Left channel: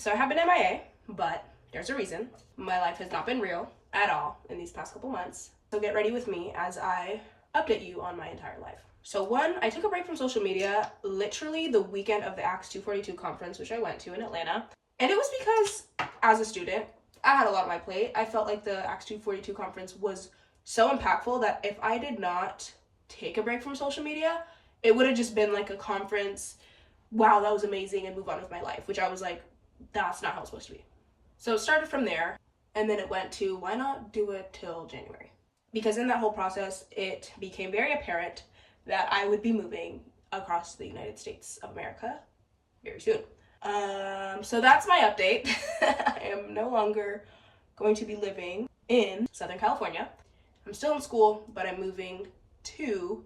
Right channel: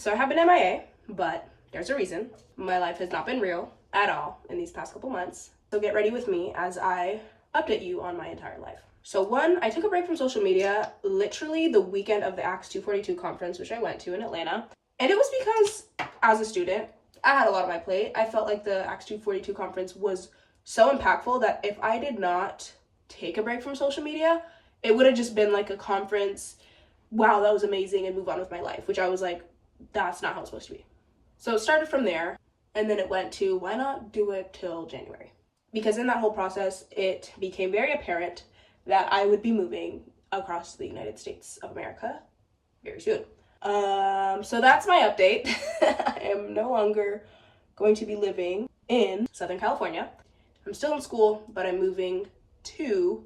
So I have been MIA, but there's a reason. My life has not been real at all in these past couple months. So get ready with me as I update you on my entire life. So one, I took a break from social media literally the weekend of the Acts 242 conference, which I went to in Atlanta. And it was because as a student, I had a lot on my plate. I felt like the Acts 242 conference was so impactful that if I did not take a break from social media, it would have just been like a conference, wow, that was amazing, and move on with my life, which I was like, that's not how it's supposed to be. So it started from there, and then it went to, why not do it till January? Because in that whole process, it became very apparent that I would be moving across the United States of America very soon. So that's my update. I am no longer going to be living in Southern California. I'm still in school, but I'm moving to,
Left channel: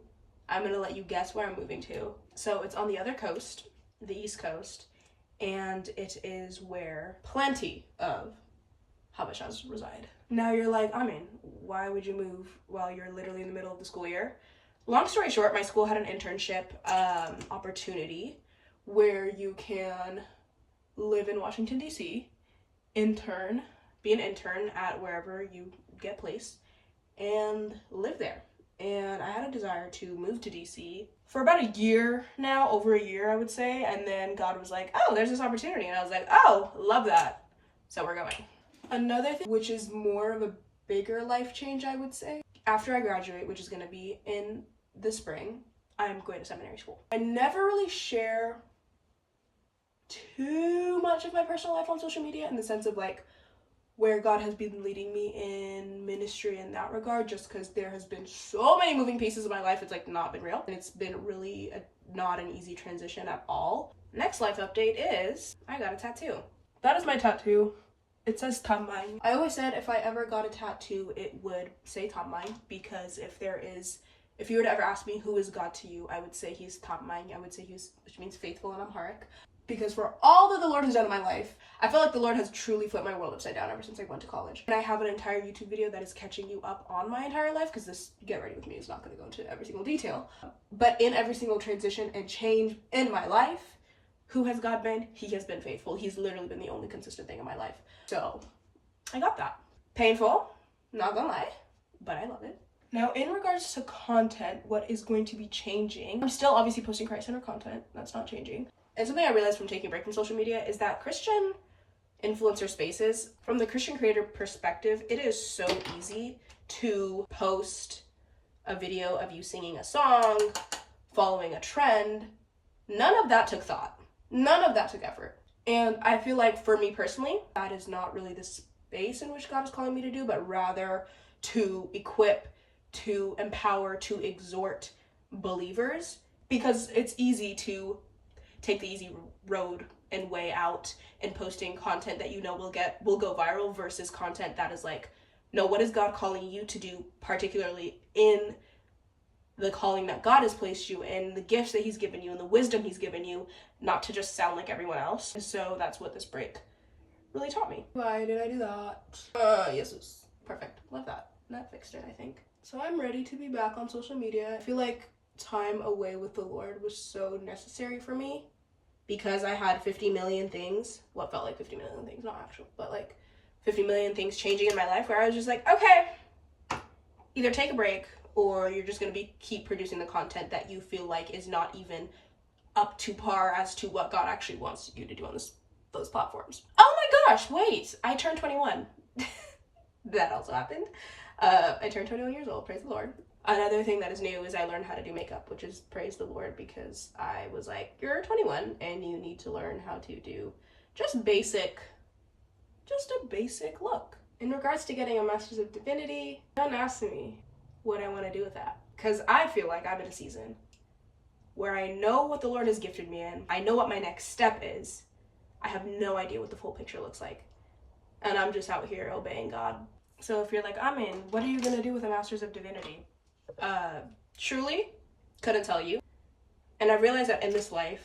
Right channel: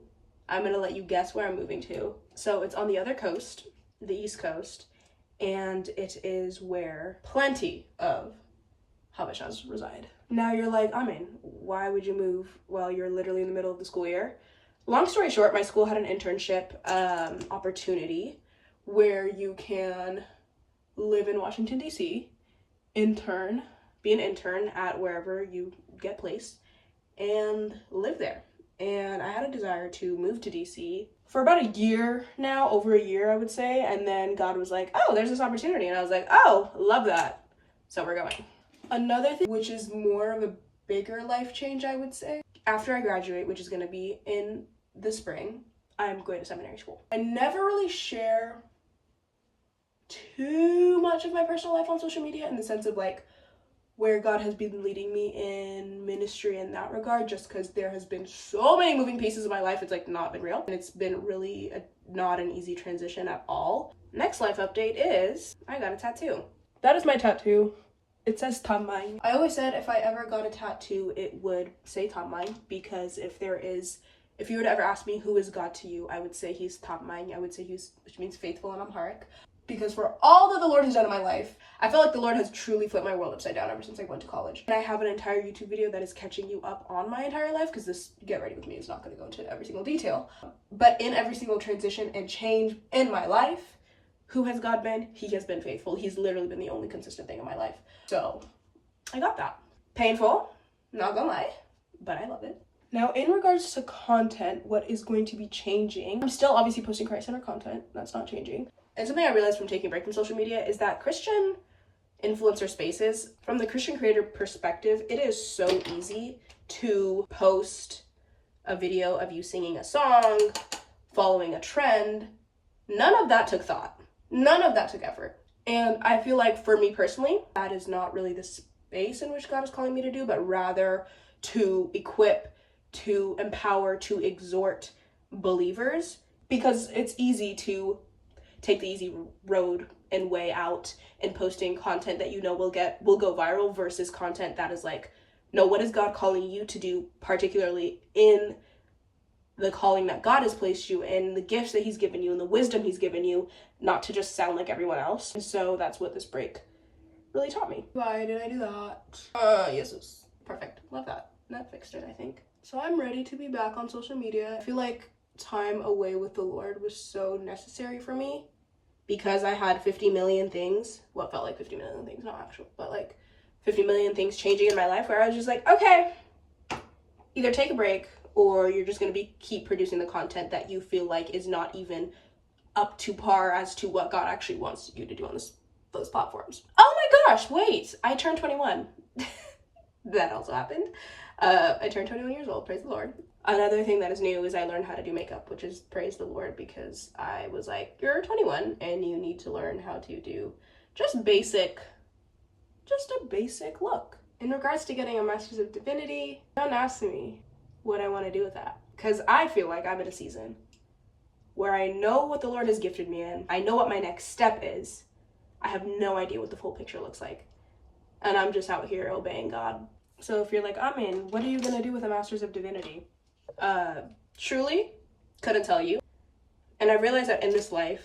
I'm gonna let you guess where I'm moving to. So it's on the other coast, the East Coast, and it is where plenty of Habeshas reside. Now you're like, why would you move while you're literally in the middle of the school year? Long story short, my school had an internship opportunity where you can live in Washington, D.C., be an intern at wherever you get placed, and live there. And I had a desire to move to DC for about a year now, over a year, I would say. And then God was like, oh, there's this opportunity. And I was like, oh, love that. So we're going. Another thing, which is more of a bigger life change, I would say, after I graduate, which is going to be in the spring, I'm going to seminary school. I never really share too much of my personal life on social media in the sense of like where God has been leading me in ministry in that regard, just because there has been so many moving pieces of my life. It's like not been real, and it's been really not an easy transition at all. Next life update is I got a tattoo. That is my tattoo. It says Tamai. I always said if I ever got a tattoo, it would say Tamai, because if you were to ever ask me who is God to you, I would say he's Tamai. I would say which means faithful in Amharic. Because for all that the Lord has done in my life, I feel like the Lord has truly flipped my world upside down ever since I went to college. And I have an entire YouTube video that is catching you up on my entire life, because this Get Ready With Me is not going to go into every single detail. But in every single transition and change in my life, who has God been? He has been faithful. He's literally been the only consistent thing in my life. So I got that. Painful, not gonna lie, but I love it. Now, in regards to content, what is going to be changing? I'm still obviously posting Christ-centered content. That's not changing. And something I realized from taking a break from social media is that Christian influencer spaces, from the Christian creator perspective, it is so easy to post a video of you singing a song, following a trend. None of that took thought. None of that took effort. And I feel like for me personally, that is not really the space in which God is calling me to do, but rather to equip, to empower, to exhort believers, because it's easy to take the easy road and way out and posting content that you know will go viral versus content that is like, no, what is God calling you to do, particularly in the calling that God has placed you in, the gifts that he's given you and the wisdom he's given you, not to just sound like everyone else. And so that's what this break really taught me. Why did I do that? Yes, it was perfect. Love that. That fixed it, I think. So I'm ready to be back on social media. I feel like time away with the Lord was so necessary for me, because I had 50 million things, what felt like 50 million things, not actual, but like 50 million things changing in my life, where I was just like, okay, either take a break or you're just going to keep producing the content that you feel like is not even up to par as to what God actually wants you to do on those platforms. Oh my gosh, wait, I turned 21. That also happened. I turned 21 years old, praise the Lord. Another thing that is new is I learned how to do makeup, which is praise the Lord, because I was like, you're 21 and you need to learn how to do just a basic look. In regards to getting a Master's of Divinity, don't ask me what I want to do with that, because I feel like I'm in a season where I know what the Lord has gifted me in. I know what my next step is. I have no idea what the full picture looks like. And I'm just out here obeying God. So if you're like, Amin, what are you going to do with a Master's of Divinity? Truly couldn't tell you. And I realized that in this life,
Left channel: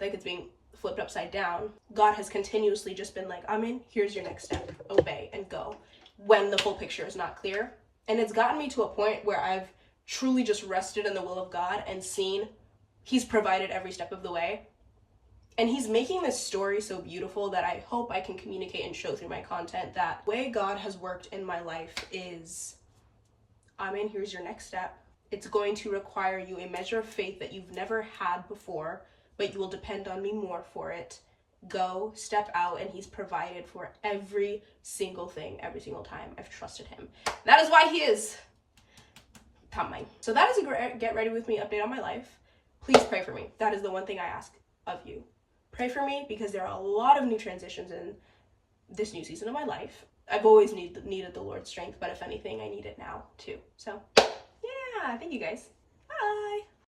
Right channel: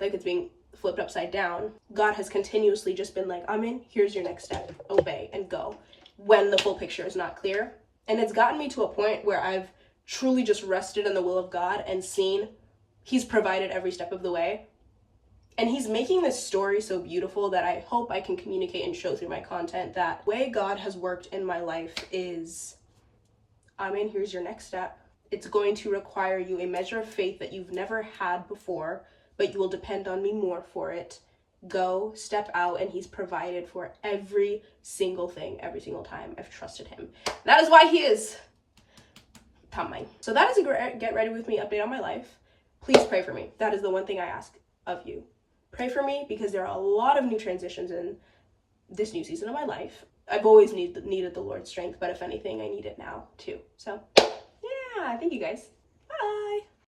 like it's being flipped upside down, God has continuously just been like, Amin, here's your next step. Obey and go when the full picture is not clear. And it's gotten me to a point where I've truly just rested in the will of God and seen he's provided every step of the way. And he's making this story so beautiful that I hope I can communicate and show through my content that the way God has worked in my life is, Amen, here's your next step. It's going to require you a measure of faith that you've never had before, but you will depend on me more for it. Go, step out, and he's provided for every single thing, every single time I've trusted him. That is why he is coming. So that is a get ready with me update on my life. Please pray for me. That is the one thing I ask of you. Pray for me, because there are a lot of new transitions in this new season of my life. I've always needed the Lord's strength, but if anything, I need it now too. So yeah, thank you guys. Bye.